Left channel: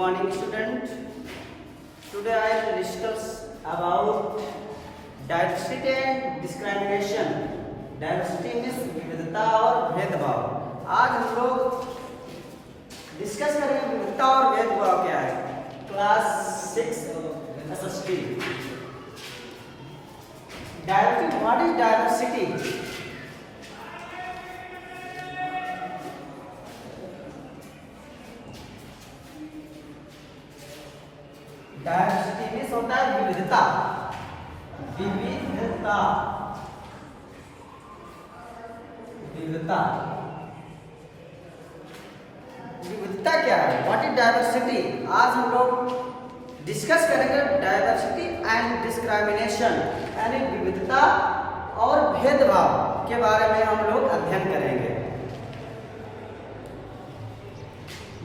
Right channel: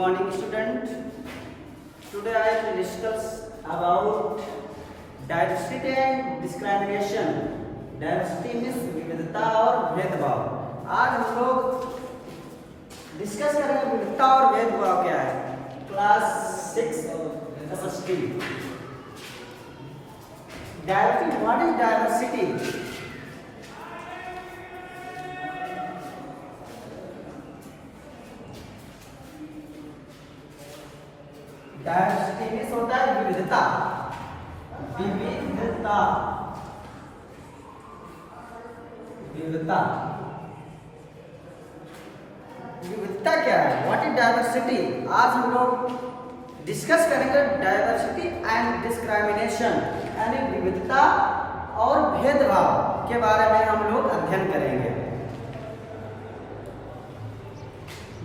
morning, student. Today I will discuss about diversity and discrimination. Diversity means विविधता और भेदभाव. आज हम लोग डिस्कस करेंगे विविधता और भेदभाव क्या है. Class 6 SST. Diversity. What is diversity? Diversity means होता है विविधता. विविधता विविधता विविधता क्या है? What is diversity? आज हम लोग डिस्कस करेंगे डायवर्सिटी एंड डिस्क्रिमिनेशन यानी विविधता और भेदभाव के बारे में हम लोग अध्ययन करेंगे.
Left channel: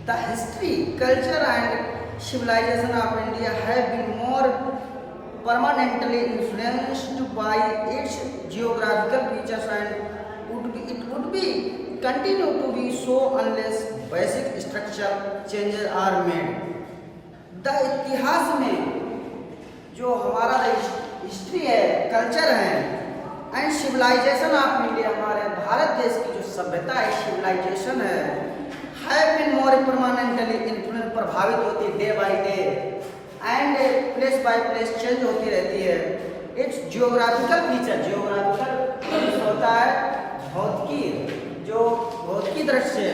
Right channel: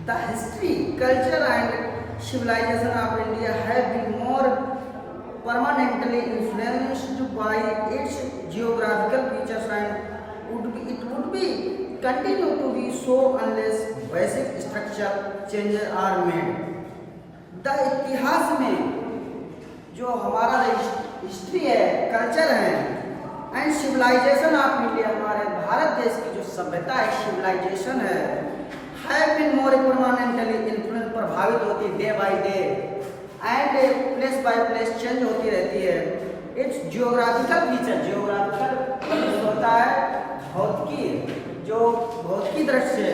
The history, culture and civilization of India have been more permanently influenced by its geographical features and it would be continue to be so unless basic structural changes are made. The इतिहास में जो हमारा history है, culture है and civilisation of India, हमारे भारत देश की जो सभ्यता है, सिविलाइजेशन है, have been more permanently influenced, प्रभावित होती day by day and place by place change होती रहती है. इट्स जियोग्राफिकल फीचर, जियोग्राफिकल होता है भौतिकी, जो भौतिकी दृष्टि से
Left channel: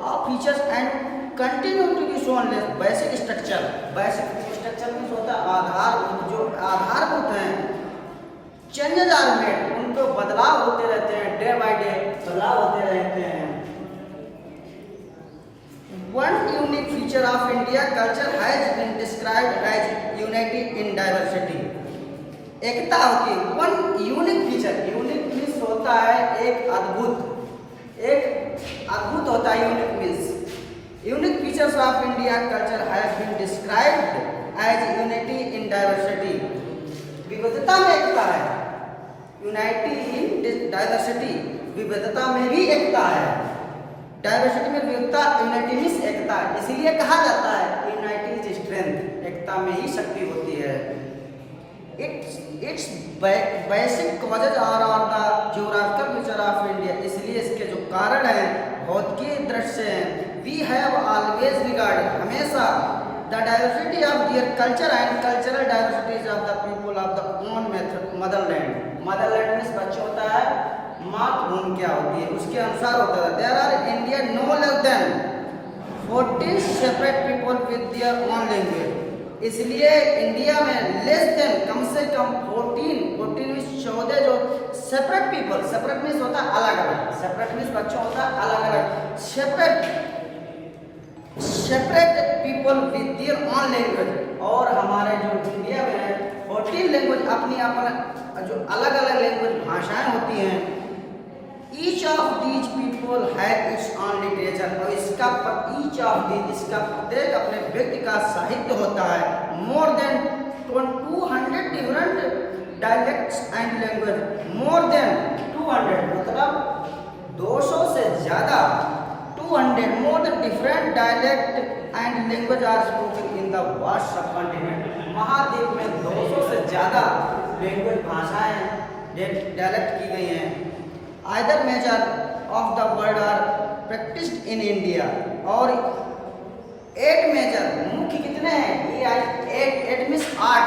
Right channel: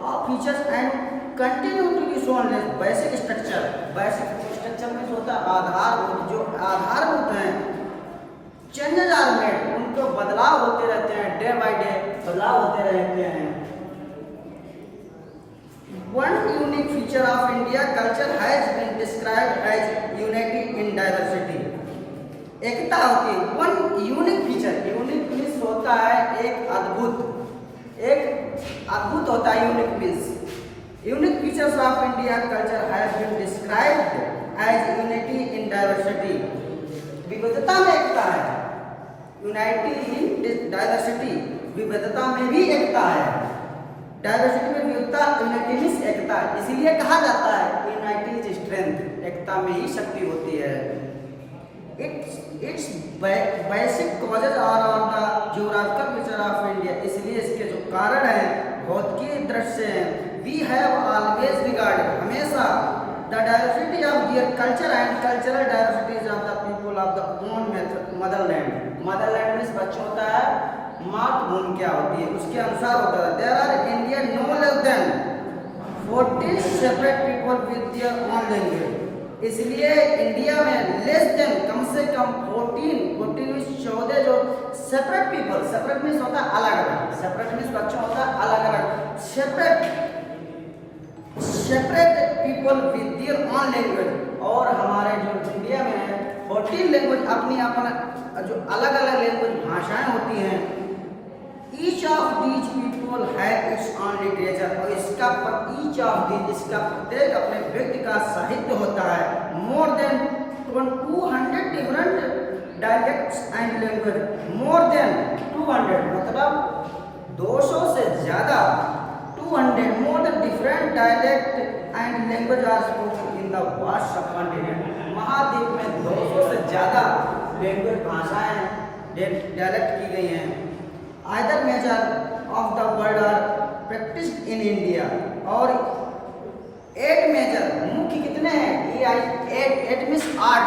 और features and continue to be shown less basic structure. Basic structure में होता है आधारभूत, जो आधारभूत हैं चेंजेस आर मेड, उनको बदलाव होते रहते हैं, डे बाय डे बदलाव होते रहते हैं. One unique feature of India culture has been described as unity in diversity. एकता होती है. One unique feature, unique means होता है एक अद्भुत होता है. Unique means unique features of India culture have been described as unity in diversity. विविधता में एकता है. Unity in diversity, विविधता में भी एकता है. डायवर्सिटी में विविधता, यूनिटी मीन्स एकता. इसीलिए कहा जाता है यूनिटी इज स्ट्रेंथ, एकता में ही शक्ति होती है. Its basic causes are the geographical feature of India. इसलिए इसके जो कारण हैं भौतिकी दृष्टि से हैं. वी हैव ऑलवेज रिगार्ड, हमेशा the diversity of their culture and cultural diversities of the people of the own motherland. Motherland means बच्चे होता है मातृभूमि क्या होती है, उसके अनुसार होता है. There are India no less than 14 separate people with their own language. इसलिए इंडिया में लेस देन कम से कम 14 मीन्स 14 जो सेपरेट पीपल, सेपरेट मीन्स होता है अलग अलग, सेपरेट मीन्स बच्चे होता है अलग अलग, separate people with their own language. और हमारे जो इंडिया में है 14 लैंग्वेज, अपनी अपना जो अलग अलग लैंग्वेज भाषाएं होती हैं. ईच ऑफ दीज पीपल है इट्स ओन लिटरेचर, और इसका प्रत्येक अपने व्यक्ति का साहित्य होता है. More than 200 different dialects and language. More than 200 मतलब 200 से ज्यादा, 200 more than different dialect and language are spoken in the vast subcontinent. महाद्वीप में 200 से ज्यादा लैंग्वेज भाषाएं डायलेक्ट की गई हैं. Either major of the world are practised in India. और 8 मेजर मुख्य कितने हैं? ये 8 मीन्स 8,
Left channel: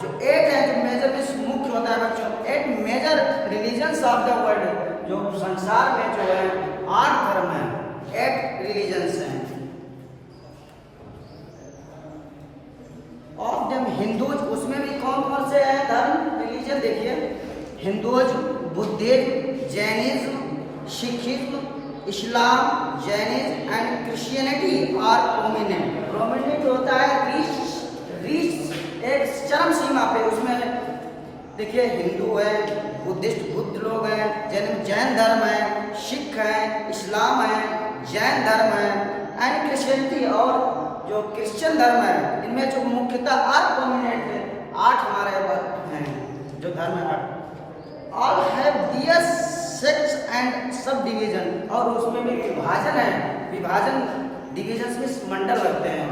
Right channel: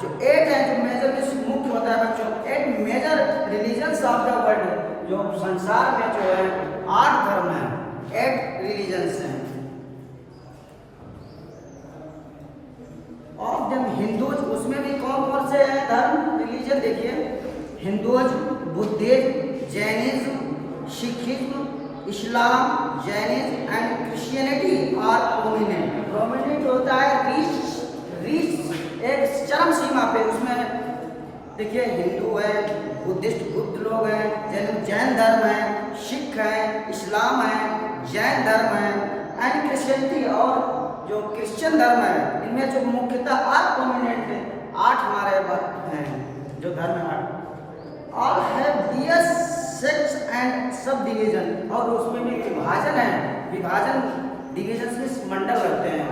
जो 8 है, जो मेजर मीन्स मुख्य होता है बच्चों. 8 major religions of the world, जो संसार में जो है 8 धर्म हैं, 8 रिलीजन्स हैं. ऑफ देम हिंदूज, उसमें भी कौन कौन से हैं धर्म, रिलीजन? देखिए, Hindus, Buddhism, Jainism, Sikhism, Islam, Jainism and Christianity are prominent. Prominent होता है रीच एक चरम सीमा पे. उसमें देखिए हिंदू है, बुद्धिस्ट बुद्ध लोग हैं, जैन धर्म है, सिख है, इस्लाम है, जैन धर्म है एंड क्रिश्चियनिटी, और जो क्रिश्चियन धर्म है, इनमें जो मुख्यतः 8 प्रोमिनेंट है, 8 हमारे हैं जो धर्म है. All have their sects and subdivision, और उसमें भी विभाजन है. विभाजन डिवीजन में मंडल लगते हैं.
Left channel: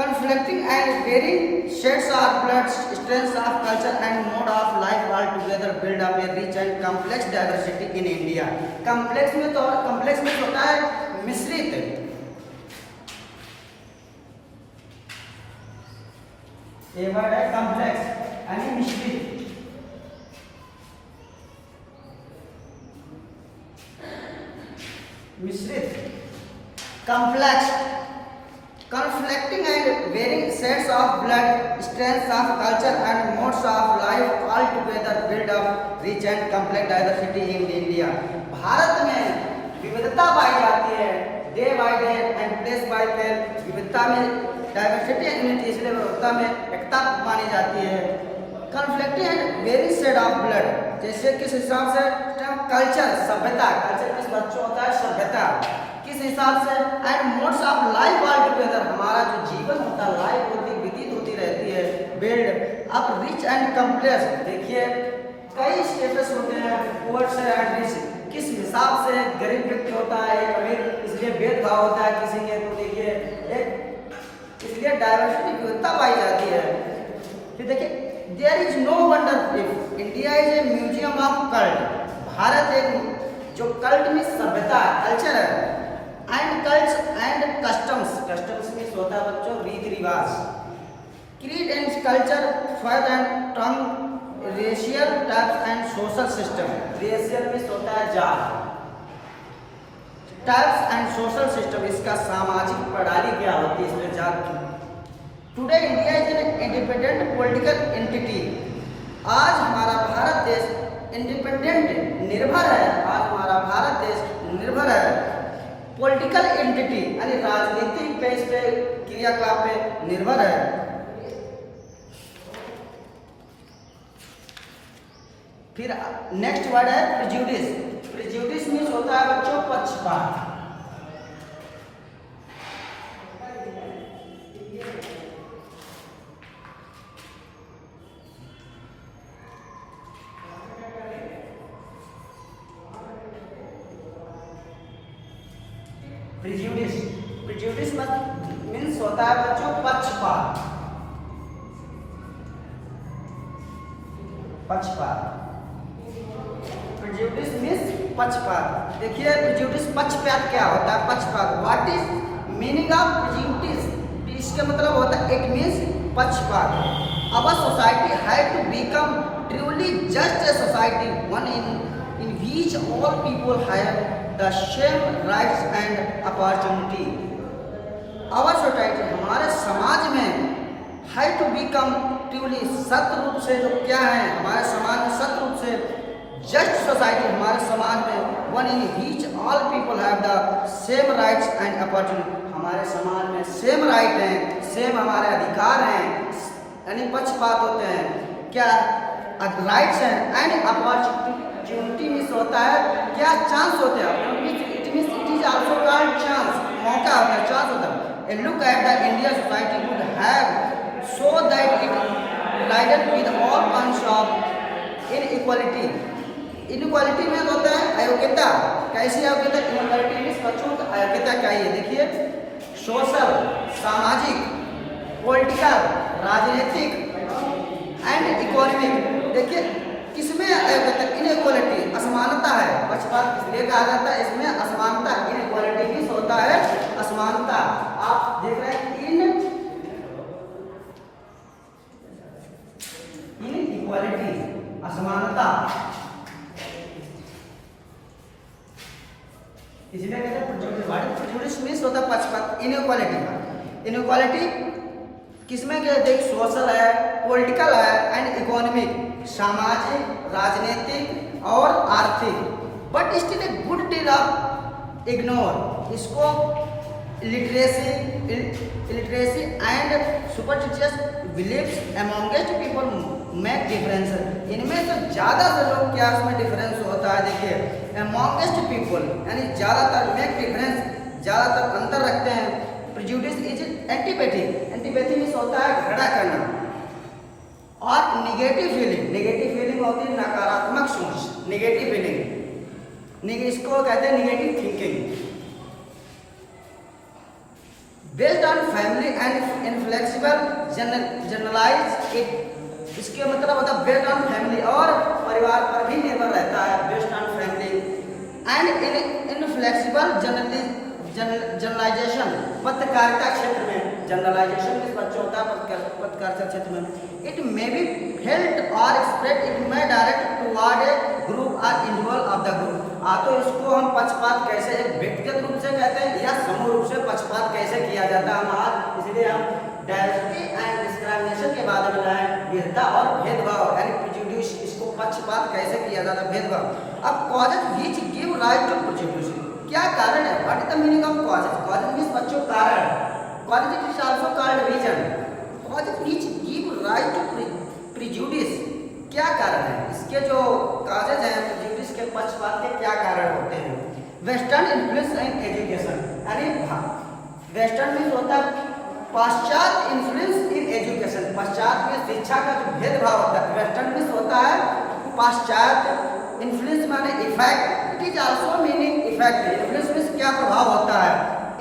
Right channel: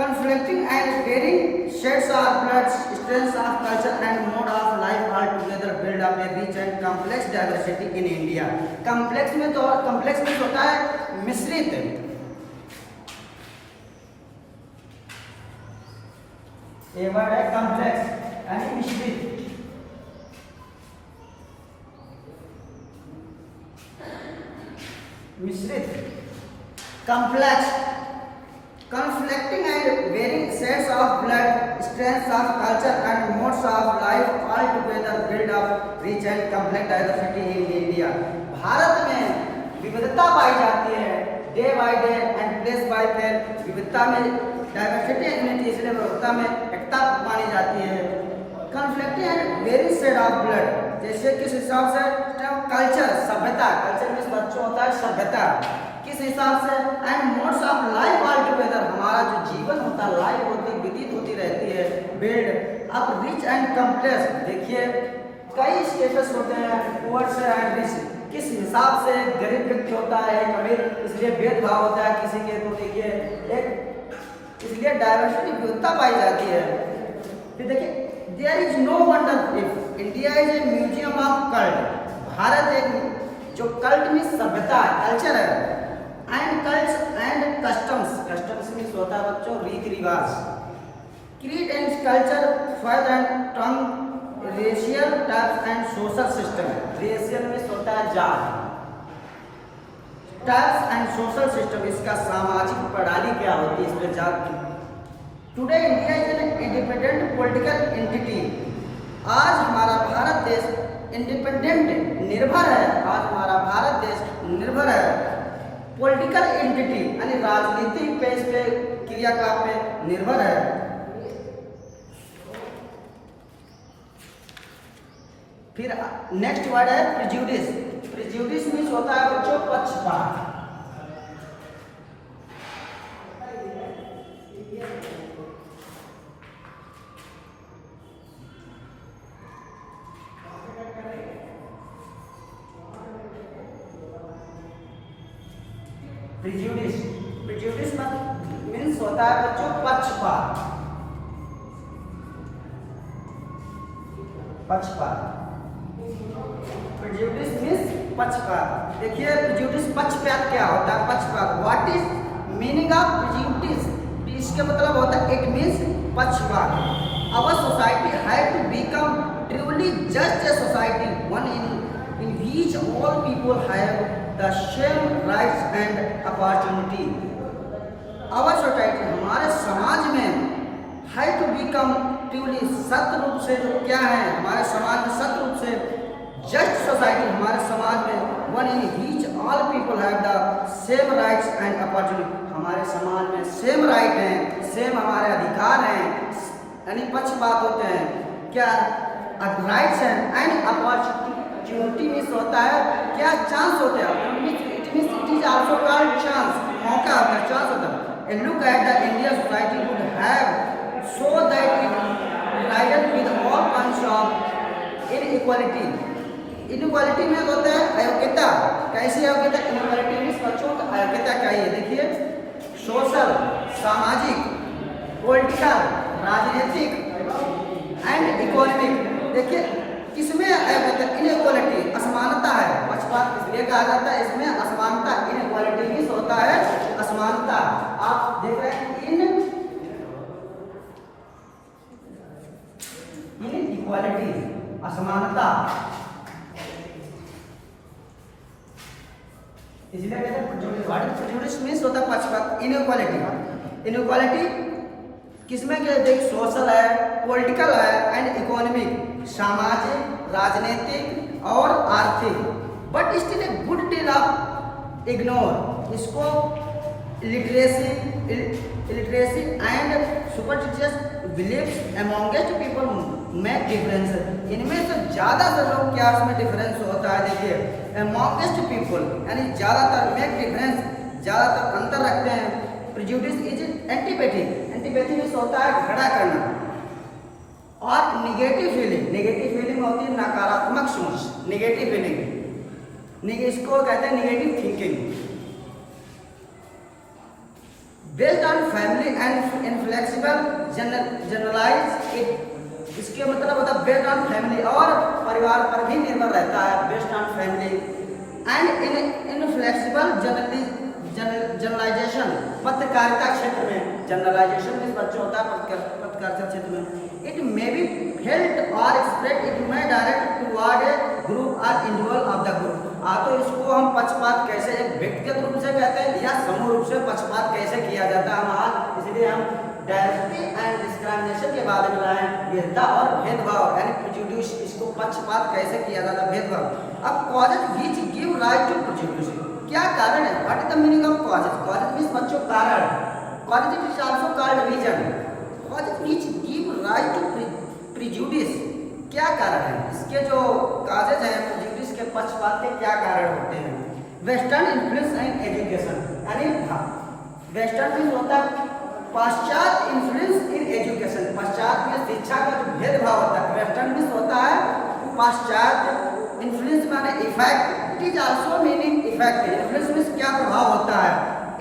conflicting and varying shades of blood, strengths of culture and mode of life all together build up a rich and complex diversity in India. complex में होता है मिश्रित, ये वर्ड है कॉम्प्लेक्स यानी मिश्रित। complex, conflicting and varying sets of blood, strengths of culture and modes of life all together build up rich and complex diversity in India. Bharat में विविधता पाई जाती है, day by day and place by place विविधता में diversity unity, इसलिए विविधता में एकता मानी जाती है। Conflicting and varying shade of blood, जैसे किस हिसाब से कल्चर सभ्यता, कल्चर में बच्चों होता है सभ्यता, किस हिसाब से and modes of life all together, हमारा जो जीवन होता है लाइफ होती व्यतीत होती रहती है, build up rich and complex. देखिए कई स्टेटस होते हैं, पुअर से एंड रिच, किस हिसाब से गरीब व्यक्ति होता है एक अमीर, इसलिए भेदभाव होता है किसी के, तो देखिए एक इसलिए डाइवर्सिटी विविधता पाई जाती है। फिर देखिए there is no wonder if India is a museum of cult, Bharat एक जो कल्ट में सभ्यता कल्चर है, and cults and customs, customs में होता है बच्चों रीति रिवाज, creed and culture, faith and tongue, racial types and social system, racial में होता है जात, टाइप्स एंड सोशल सिस्टम, इसका सामाजिक प्रणाली क्या होती है, इसमें जात की। Today India is an independent political entity, आज हमारा भारत देश इंडिपेंडेंट निर्भर है, आज हमारा भारत देश निर्भर है पॉलिटिकल एंटिटी यानी राजनीतिक बेस पे क्रियाकलाप पे निर्भर है। फिर नेक्स्ट वर्ड है प्रिजुडिस, प्रिजुडिस मीन्स होता है बच्चों पक्षपात। प्रिजुडिस, प्रिजुडिस मीन्स होता है बच्चों पक्षपात, पक्षपात, प्रिजुडिस मीन्स पक्षपात। देखिए प्रिजुडिस पक्षपात क्या होता है, पक्षपात, what is meaning of prejudice, इसका मतलब होता है इट मीन्स पक्षपात। Our society had to become truly just a society, one in which all people have the same rights and opportunity. Our society, हमारे समाज में है टू बिकम ट्रूली, सत्य रूप से जो क्या है हमारे समाज में सत्य रूप से जस्ट सोसाइटी, हमारे समाज में one in which all people have the same rights and opportunity, हमारे समाज में सेम राइट हैं, सेम हमारे अधिकार हैं, यानी पक्षपात होते हैं, क्या राइट्स हैं, एंड अपॉर्चुनिटी मीन्स होता है क्या चांस होते हैं, it is also called chance, मौका होता है, चांस होता है। ए look at the Indian society would have so that it divided with all kinds of inequality, inequality में होता है अयोग्यता, कैसी अयोग्यता, इनइक्वालिटी में बच्चों की अयोग्यता क्या है, देखिए सोशल, सामाजिक, पॉलिटिकल, राजनीतिक एंड इकोनॉमिक। देखिए किसमें अयोग्यता, इनइक्वालिटी, असमानता है, पक्षपात इसलिए कहा जाता है, इसमें असमानता, इनइक्वालिटी में होता है असमानता। आप देख रहे हैं इनइक्वालिटी, असमानता, इसलिए कहते हैं प्रेजुडिस मींस होता है पक्षपात। इनइक्वालिटी, इनइक्वालिटी किसमें क्या, देख सोशल है, पॉलिटिकल है एंड इकोनॉमिक, सामाजिक, राजनीतिक और आर्थिक, but still a good deal of ignore, इसको literacy and superstitious believes amongst people make difference, इनमें तो ज़्यादा से लोग क्या उसमें डिफरेंस होता है, देखिए अमंगेस्ट पीपल यानी ज़्यादातर मेक डिफरेंस, ज़्यादातर अंतर रखते हैं। Prejudice is antipathy, antipathy means होता है घृणा करना, और निगेटिव फीलिंग, नेगेटिव फीलिंग होती है नकारात्मक सोच, नेगेटिव फीलिंग, इसको कहते हैं negative thinking. Based on family and inflexible generalize it. इसके मतलब होता है बेस्ड ऑन फैमिली, और परिवार पर भी निर्भर रहता है, based on family and inflexible generalization. पत्रकारिता क्षेत्र में जनरलाइजेशन में बच्चों होता है पत्रकारिता क्षेत्र में। इट मे बी फेल्ट और express, it may direct toward A group और इंडिविजुअल ऑफ द ग्रुप। तो इसको हम पक्षपात कैसे एक व्यक्तिगत रूप से कहते हैं या समूह रूप से पक्षपात कैसे किया जाता है हम, इसलिए हम डायवर्सिटी एंड डिस्क्रिमिनेशन के बाद में लाए विविधता और भेदभाव यानी प्रेजुडिस। इसको पक्षपात कैसे किया जाता है, भेदभाव। अब causes which give rise to prejudice, क्या कारण है, what is the meaning of causes. Causes means बच्चों कारण, causes is also called reason. Causes which give rise to prejudice, क्या कारण है, इसके जो कॉजेज हैं प्रेजुडिस के पक्षपात के क्या कारण होते हैं। वेस्टर्न इन्फ्लुएंस इन एजुकेशन, यानी वेस्टर्न मींस होता है पाश्चात्य इन्फ्लुएंस इन एजुकेशन, पश्चात में शिक्षा का जो भेदभाव होता है। वेस्टर्न मींस होता है पाश्चात्य, इन्फ्लुएंस माने effect, it is also meaning effect. Influence means क्या प्रभाव होता है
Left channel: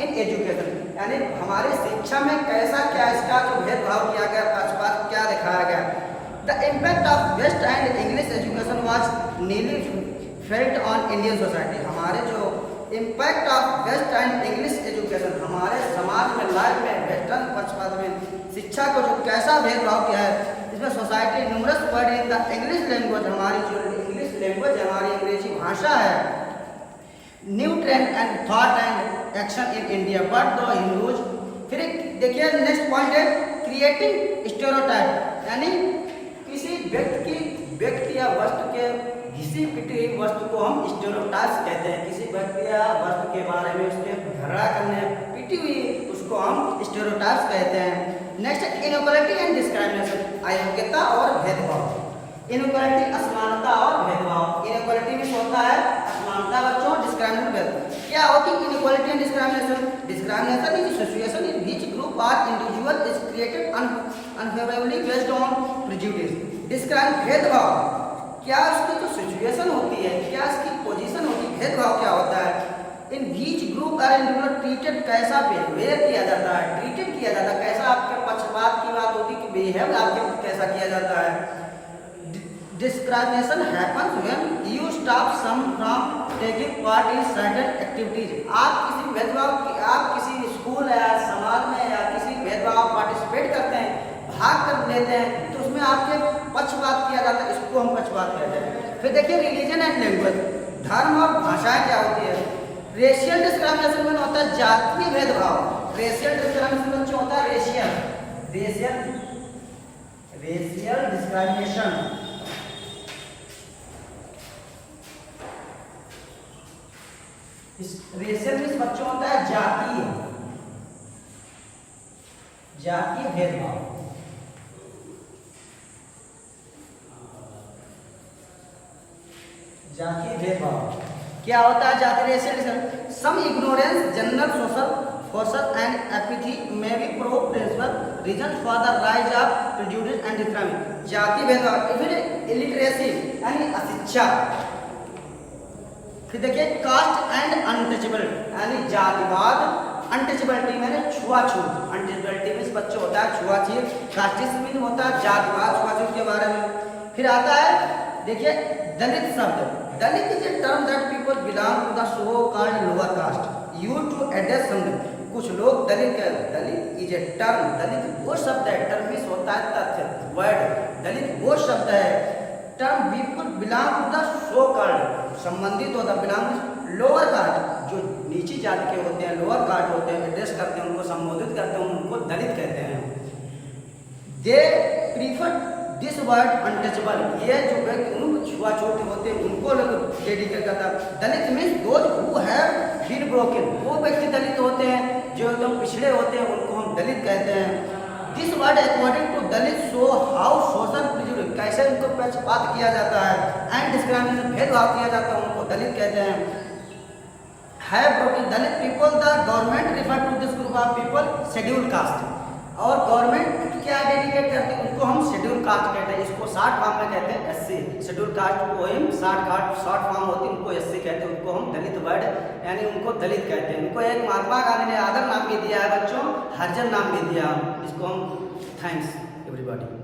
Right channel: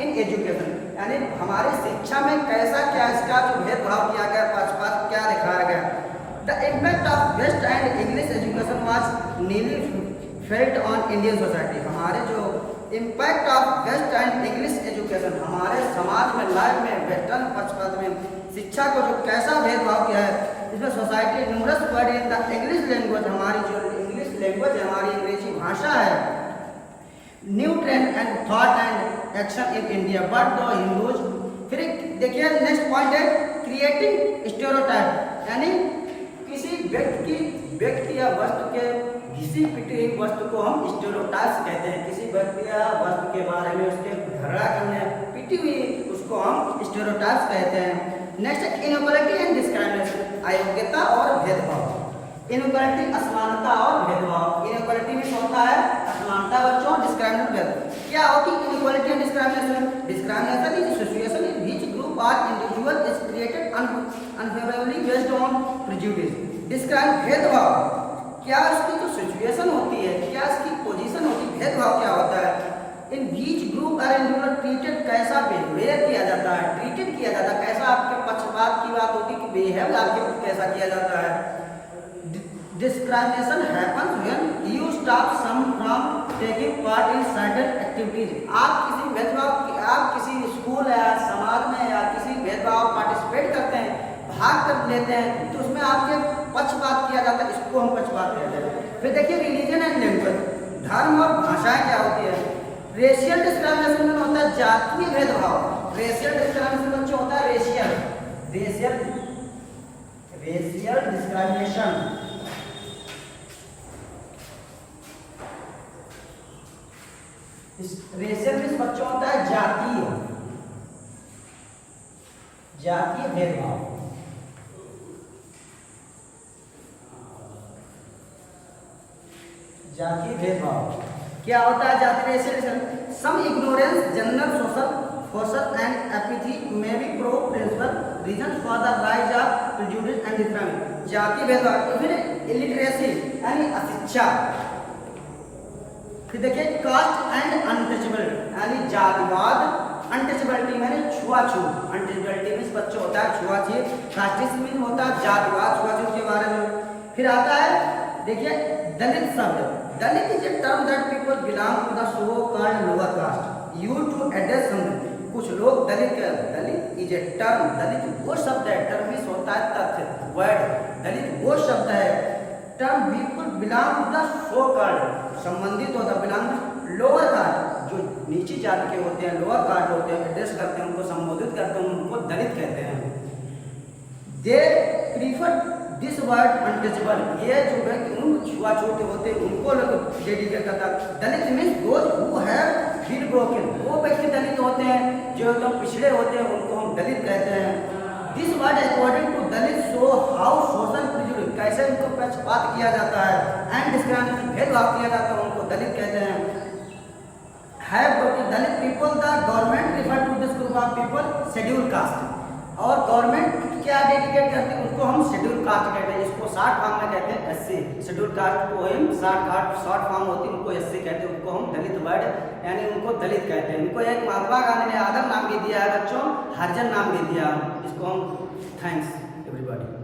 इन एजुकेशन, यानी हमारी शिक्षा में कैसा क्या इसका जो भेदभाव किया गया, पक्षपात क्या दिखाया गया। The impact of west and English education was nearly felt on Indian society. हमारे जो impact of west and English education, हमारे समाज में लाइफ में वेस्टर्न पक्षपात में शिक्षा को जो कैसा भेदभाव किया है, इसमें society numerous word in the English language, हमारी जो इंग्लिश लैंग्वेज है, हमारी अंग्रेजी भाषा है, new trend and thought and action in India but दो हिंदूज। फिर देखिए नेक्स्ट पॉइंट है क्रिएटिंग स्टेरियोटाइप, यानी किसी व्यक्ति या वस्तु के घिसी पिटी हुई वस्तु को हम स्टेरियोटाइप्स कहते हैं। किसी व्यक्ति या वस्तु के बारे में उसके झगड़ा करने पिटी हुई उसको हम स्टेरियोटाइप्स कहते हैं। नेक्स्ट इनइक्वालिटी एंड डिस्क्रिमिनेशन, अयोग्यता और भेदभाव। इनइक्वालिटी असमानता और भेदभाव। इनइक्वालिटी में होता है असमानता बच्चों, डिस्क्रिमिनेशन भेदभाव। क्या होती है inequality and discrimination? Discrimination is situation in which group और individual is created unfavourably based on prejudice. Discrimination भेदभाव, क्या उसकी जो सिचुएशन होती है, क्या इसकी पोजीशन होती है, भेदभाव क्या होता है। इन बीच ग्रुप और इंडिविजुअल ट्रीटेड, कैसा बिहेवियर किया जाता है, ट्रीटेड किया जाता है, कैसा आपके पक्षपात की बात होती है कि बिहेव आपके कैसा किया जाता है। Discrimination happens when you stop some from taking part in certain activities. आप किसी भेदभाव की, आप किसी स्कूल या समाज में या किसी भेदभाव पार्टिसिपेट करते हैं, भाग कर लेते हैं, तो उसमें आपके पक्षपात किया जाता है, इसको हम पक्षपात कहते हैं। फिर देखिए रिलीजन एंड लैंग्वेज, धर्म और भाषाएं क्या होती है। रेशियल डिस्क्रिमिनेशन में होता है जातीय भेदभाव। रेशियल डिस्क्रिमिनेशन बच्चों होता है रेशियल डिस्क्रिमिनेशन। रेशियल में बच्चों होता है जातीय भेदभाव। जातीय भेदभाव क्या होता है जातीय racial? Some ignorance general social and apathy may be pro principal reason for the rise of prejudice and discrimination. जातीय भेदभाव, फिर इलिटरेसी यानी अशिक्षा। फिर देखिए कास्ट एंड अनटचेबल यानी जातिवाद, अनटचेबिलिटी माने छुआछूत। अनटचेबिलिटी में बच्चों होता है छुआछूत, कास्टिज्म होता है जातिवाद, छुआछूत के बारे में। फिर आता है देखिए दलित शब्द। Dalit is a term that people belong to the so called lower caste used to address some. कुछ लोग दलित इज ए टर्म, दलित वो शब्द है, टर्म मींस होता है तथ्य, वर्ड। दलित वो शब्द है, term people belong to the so called, संबंधित होता है बिलोंग लोअर कास्ट, जो नीची जाति के होते हैं, लोअर कास्ट होते हैं, एड्रेस करते हैं, उनको संबोधित करते हैं, उनको दलित कहते हैं। They prefer this word untouchable, ये जो व्यक्ति उनको छुआछूत होते हैं उनको लोग डेडिकेट करता है। Dalit means those who have been broken, वो व्यक्ति दलित होते हैं जो एकदम पिछड़े होते हैं, उनको हम दलित कहते हैं। This word according to Dalit show how social prejudice, कैसे उनको पक्षपात किया जाता है, एंड डिस्क्रिमिनेशन भेदभाव किया जाता है, उनको दलित कहते हैं। Have broken Dalit people, the government refer to this group of people schedule caste. और गवर्नमेंट क्या डेडिकेट करती है, उसको हम शेड्यूल कास्ट कहते हैं। इसको शॉर्ट फॉर्म में कहते हैं एससी। शेड्यूल कास्ट को हम शॉर्ट फॉर्म होती है, उनको एससी कहते हैं। उनको हम दलित वर्ड यानी उनको दलित कहते हैं। उनको एक महात्मा गांधी ने आदर नाम भी दिया है बच्चों, हरिजन नाम भी दिया। इसको हम थैंक्स एवरीबॉडी।